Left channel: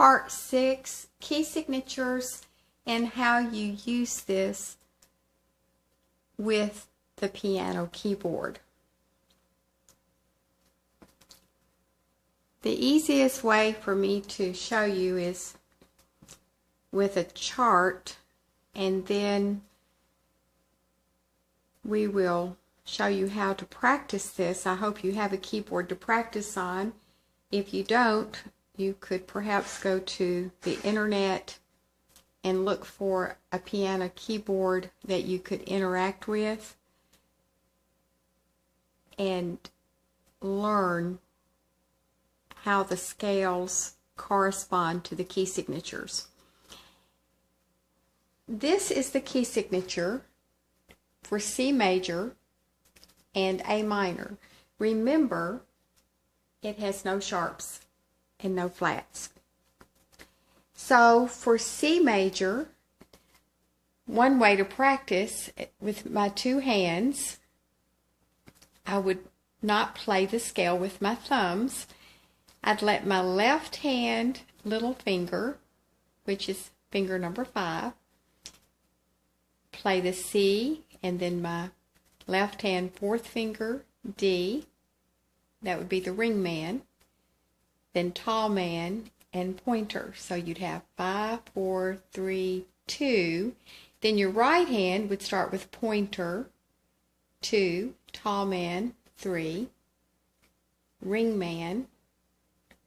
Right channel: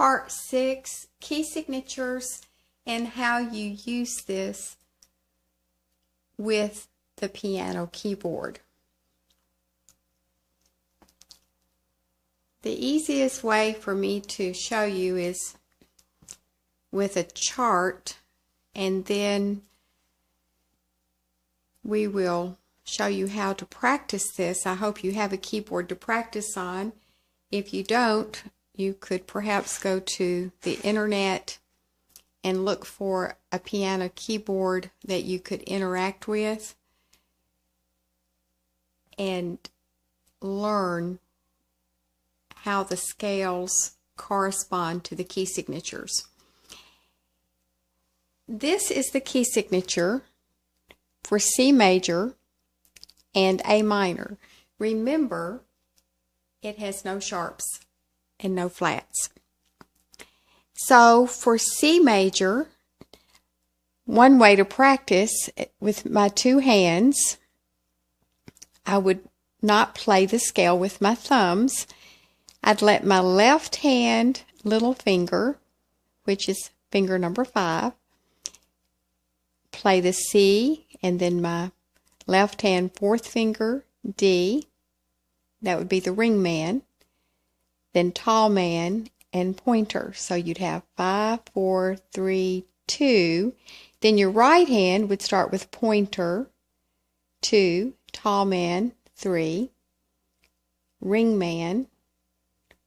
Part 6, Key Signatures and how you use this with the piano keyboard. The easiest way for me to show you is with a chart, and then we will show you how to practice this. I hope you have a keyboard to practice on. If you don't, you could perhaps go to the internet and look for a piano keyboard that you could interact with and learn how the scales correspond to the key signatures. This is the key signature for C major and A minor. Remember, it has no sharps and no flats. So for C major, one way to practice with my two hands, I would not play the scale with my thumbs. I'd let my left hand little finger, which is finger number 5, play the C, and then my left hand fourth finger, D, that would be the ring man, then tall man and pointer. So you'd have 5, 4, 3, 2. Then your right hand would start with pointer, 2, tall man, 3, ring man,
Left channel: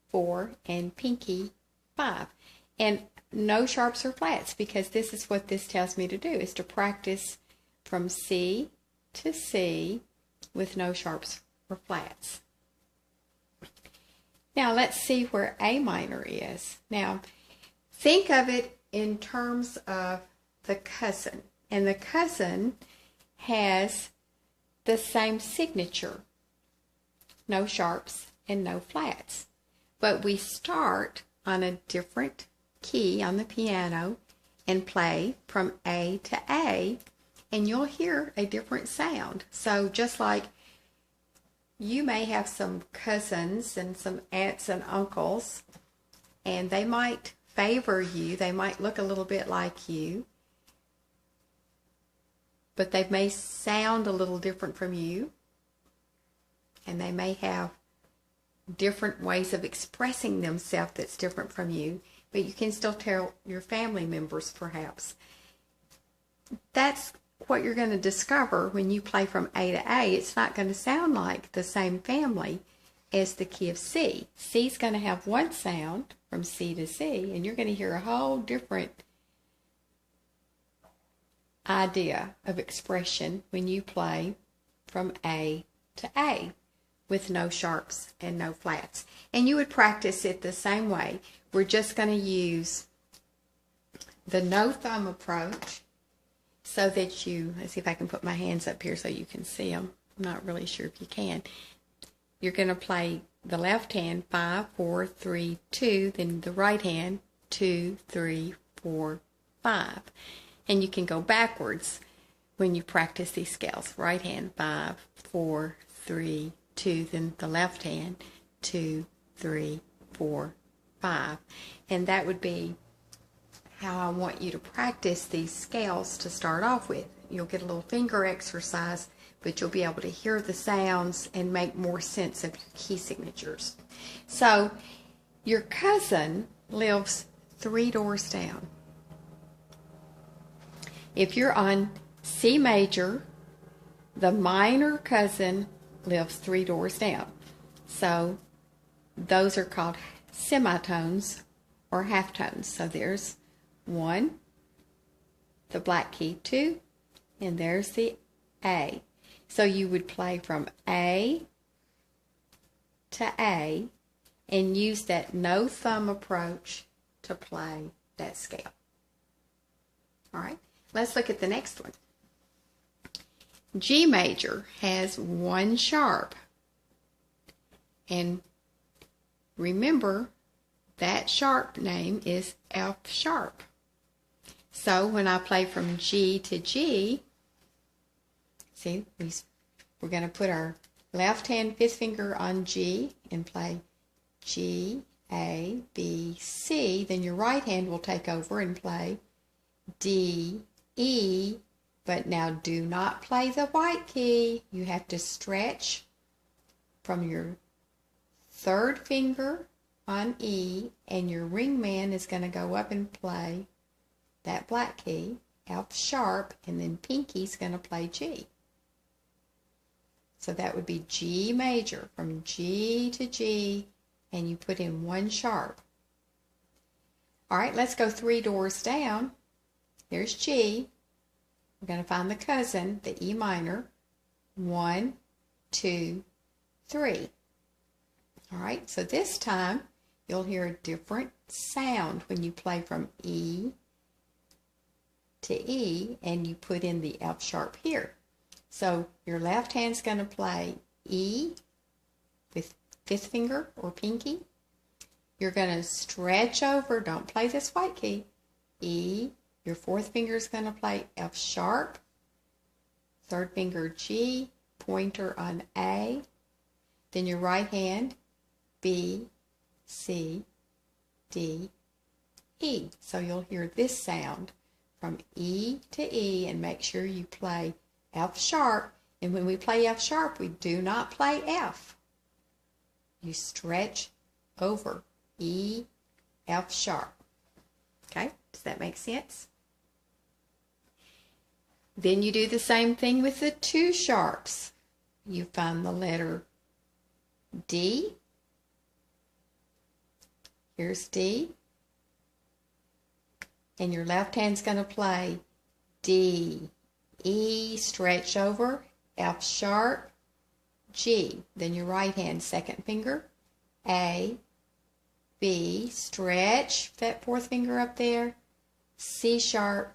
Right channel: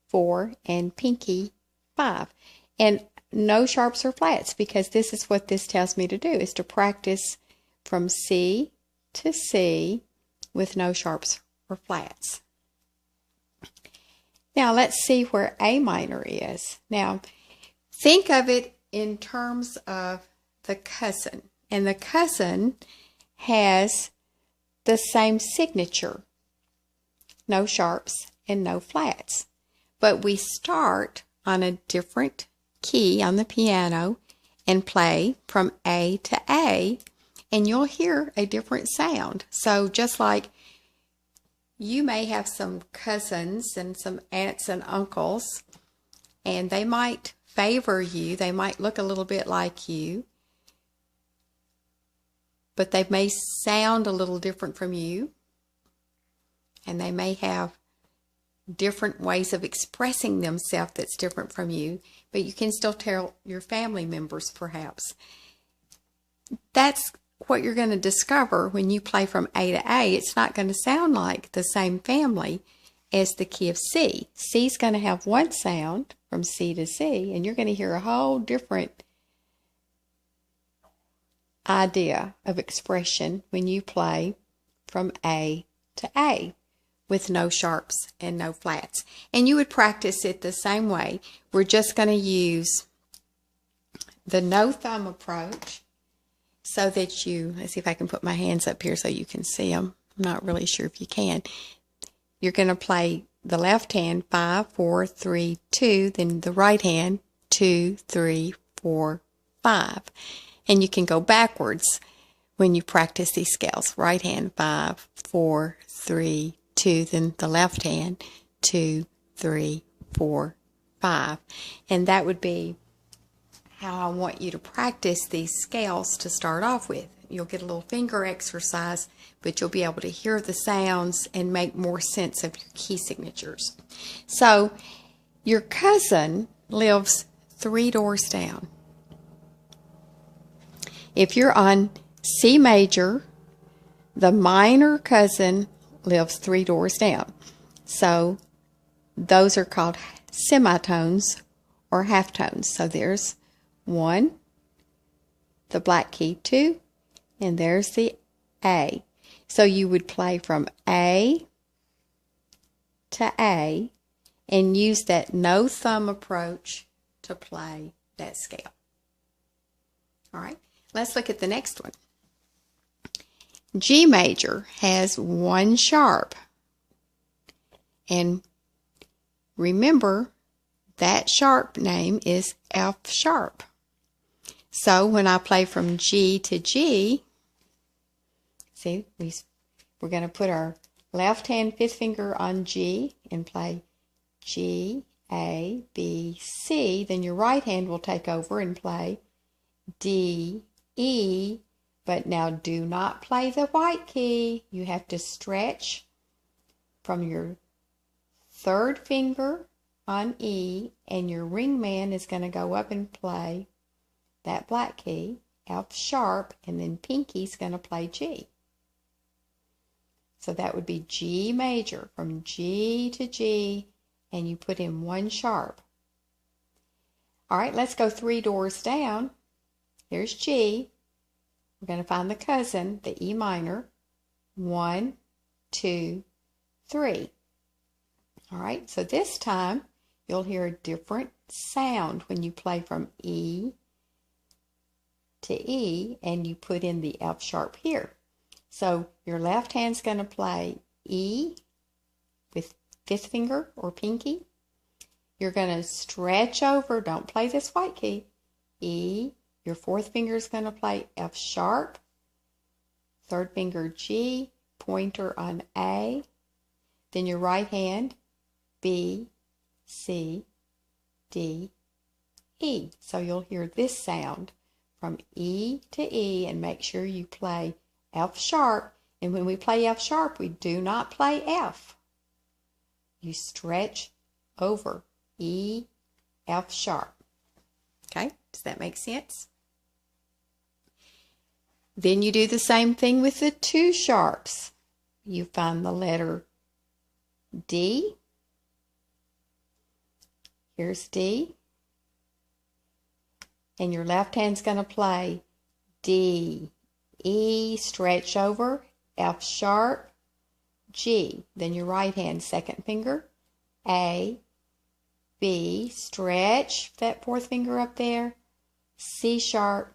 4, and pinky, 5. And no sharps or flats, because this is what this tells me to do, is to practice from C to C with no sharps or flats. Now let's see where A minor is. Now think of it in terms of the cousin, and the cousin has the same signature, no sharps and no flats. But we start on a different key on the piano and play from A to A, and you'll hear a different sound. So just like you may have some cousins and some aunts and uncles, and they might favor you, they might look a little bit like you, but they may sound a little different from you, and they may have different ways of expressing themselves that's different from you, but you can still tell your family members perhaps. That's what you're going to discover when you play from A to A. It's not going to sound like the same family as the key of C. C's going to have one sound from C to C, and you're going to hear a whole different idea of expression when you play from A to A with no sharps and no flats. And you would practice it the same way. We're just going to use the no thumb approach so that you, let's see if I can put my hands up here so you can see them. I'm not really sure if you can. You're going to play the left hand 5, 4, 3, 2, then the right hand 2, 3, 4, 5. And you can go backwards when you practice these scales. Right hand 5, 4, 3, 2, then the left hand 2, 3, 4, 5. And that would be how I want you to practice these scales to start off with. You'll get a little finger exercise, but you'll be able to hear the sounds and make more sense of your key signatures. So your cousin lives 3 doors down. If you're on C major, the minor cousin lives 3 doors down. So those are called semitones or halftones. So there's 1, the black key 2, and there's the A. So you would play from A to A and use that no thumb approach to play that scale. All right, let's look at the next one. G major has 1 sharp, and remember that sharp name is F sharp. So when I play from G to G, see, we're going to put our left hand 5th finger on G and play G, A, B, B, C, then your right hand will take over and play D, E, but now do not play the white key. You have to stretch from your third finger on E, and your ring man is going to go up and play that black key, F sharp, and then pinky's going to play G. So that would be G major, from G to G, and you put in one sharp. All right, let's go 3 doors down. Here's G. We're going to find the cousin, the E minor. 1, 2, 3. All right, so this time you'll hear a different sound when you play from E to E and you put in the F sharp here. So your left hand's going to play E with 5th finger or pinky. You're going to stretch over, don't play this white key, E. Your 4th finger is going to play F sharp, 3rd finger G, pointer on A, then your right hand B, C, D, E. So you'll hear this sound from E to E, and make sure you play F sharp. And when we play F sharp, we do not play F. You stretch over E, F sharp. Okay, does that make sense? Then you do the same thing with the 2 sharps. You find the letter D. Here's D. And your left hand's going to play D, E, stretch over, F sharp, G. Then your right hand, 2nd finger, A, B, stretch, that 4th finger up there, C sharp,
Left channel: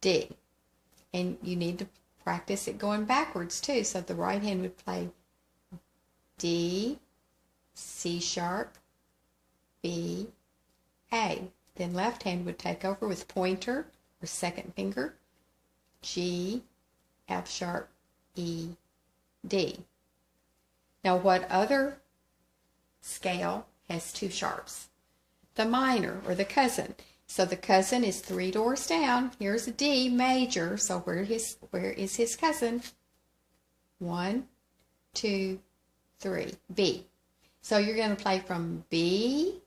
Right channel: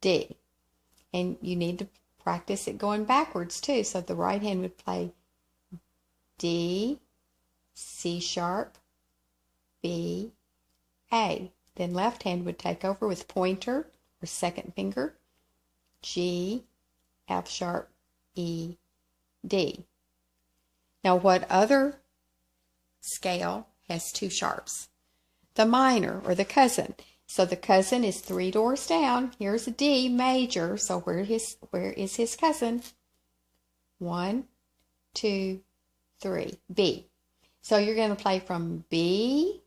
D. And you need to practice it going backwards too. So the right hand would play D, C sharp, B, A. Then left hand would take over with pointer or 2nd finger, G, F sharp, E, D. Now what other scale has 2 sharps? The minor or the cousin. So the cousin is 3 doors down. Here's a D major. So where is his cousin? 1, 2, 3. B. So you're going to play from B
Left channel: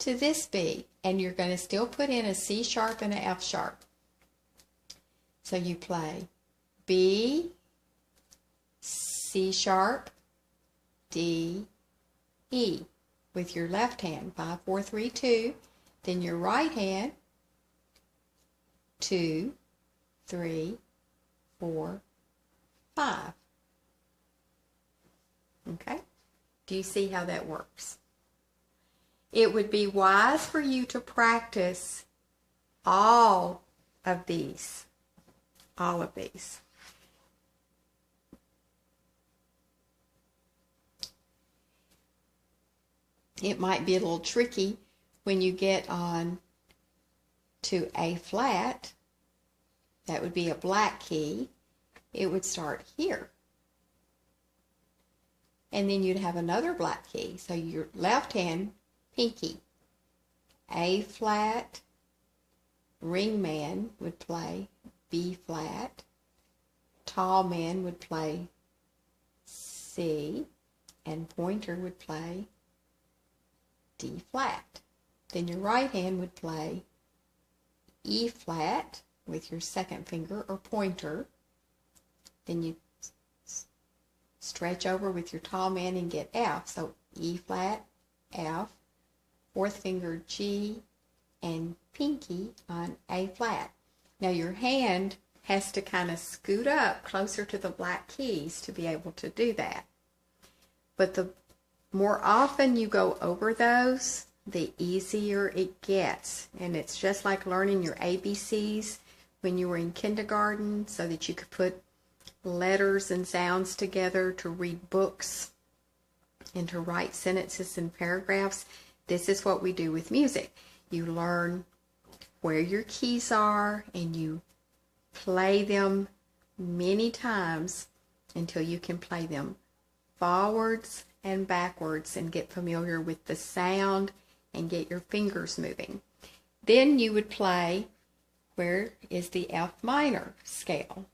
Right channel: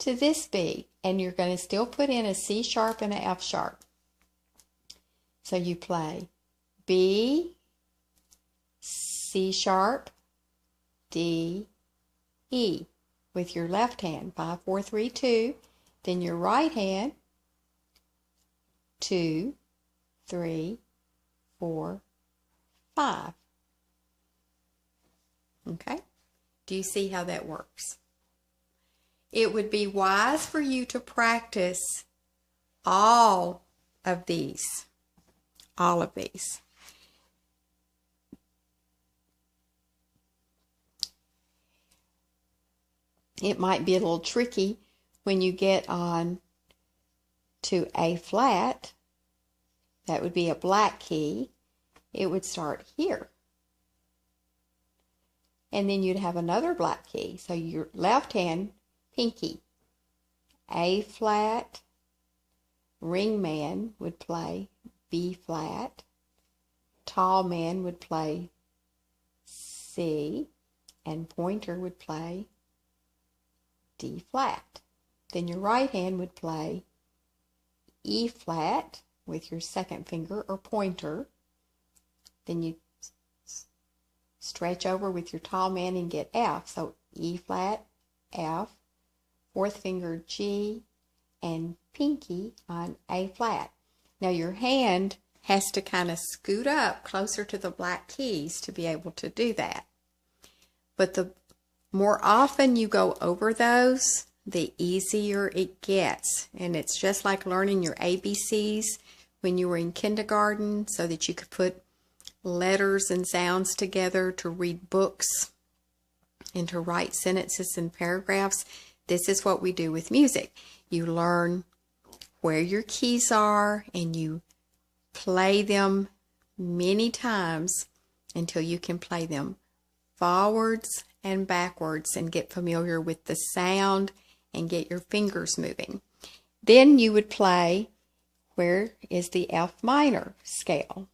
to this B, and you're going to still put in a C sharp and an F sharp. So you play B, C sharp, D, E with your left hand, 5, 4, 3, 2. Then your right hand, 2, 3, 4, 5. Okay? Do you see how that works? It would be wise for you to practice all of these. All of these. It might be a little tricky when you get on to A flat. That would be a black key. It would start here. And then you'd have another black key. So your left hand, pinky, A flat, ring man would play B flat, tall man would play C, and pointer would play D flat. Then your right hand would play E flat with your 2nd finger or pointer. Then you stretch over with your tall man and get F. So E flat, F, 4th finger G, and pinky on A flat. Now your hand has to kind of scoot up closer to the black keys to be able to do that. But the more often you go over those, the easier it gets. And it's just like learning your ABCs when you were in kindergarten, so that you could put letters and sounds together to read books and to write sentences and paragraphs. This is what we do with music. You learn where your keys are and you play them many times until you can play them forwards and backwards and get familiar with the sound and get your fingers moving. Then you would play, where is the F minor scale?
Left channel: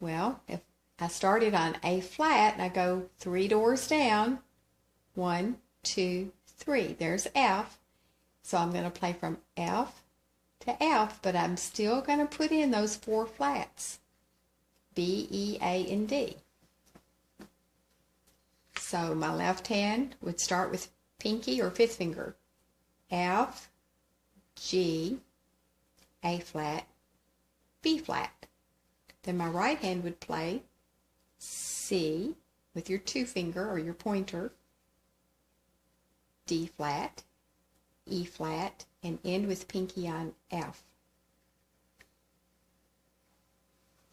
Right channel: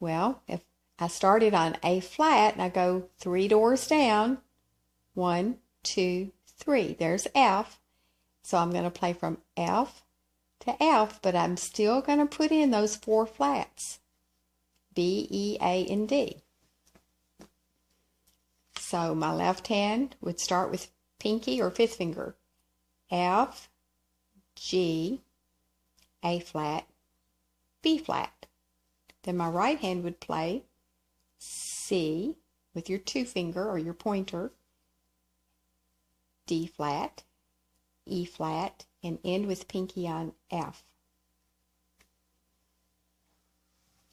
Well, if I started on A flat and I go 3 doors down, 1, 2, 3, there's F. So I'm going to play from F to F, but I'm still going to put in those 4 flats, B, E, A, and D. So my left hand would start with pinky or 5th finger, F, G, A flat, B flat. Then my right hand would play C with your 2 finger or your pointer, D flat, E flat, and end with pinky on F.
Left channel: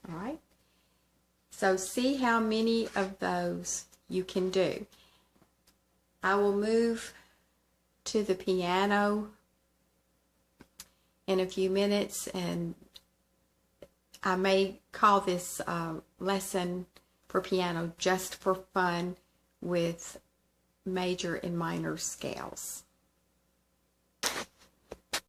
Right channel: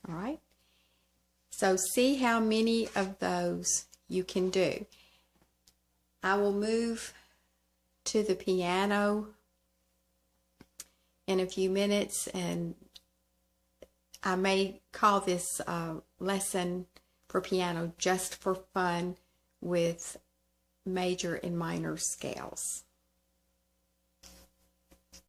All right? So see how many of those you can do. I will move to the piano in a few minutes, and I may call this lesson for piano just for fun with major and minor scales.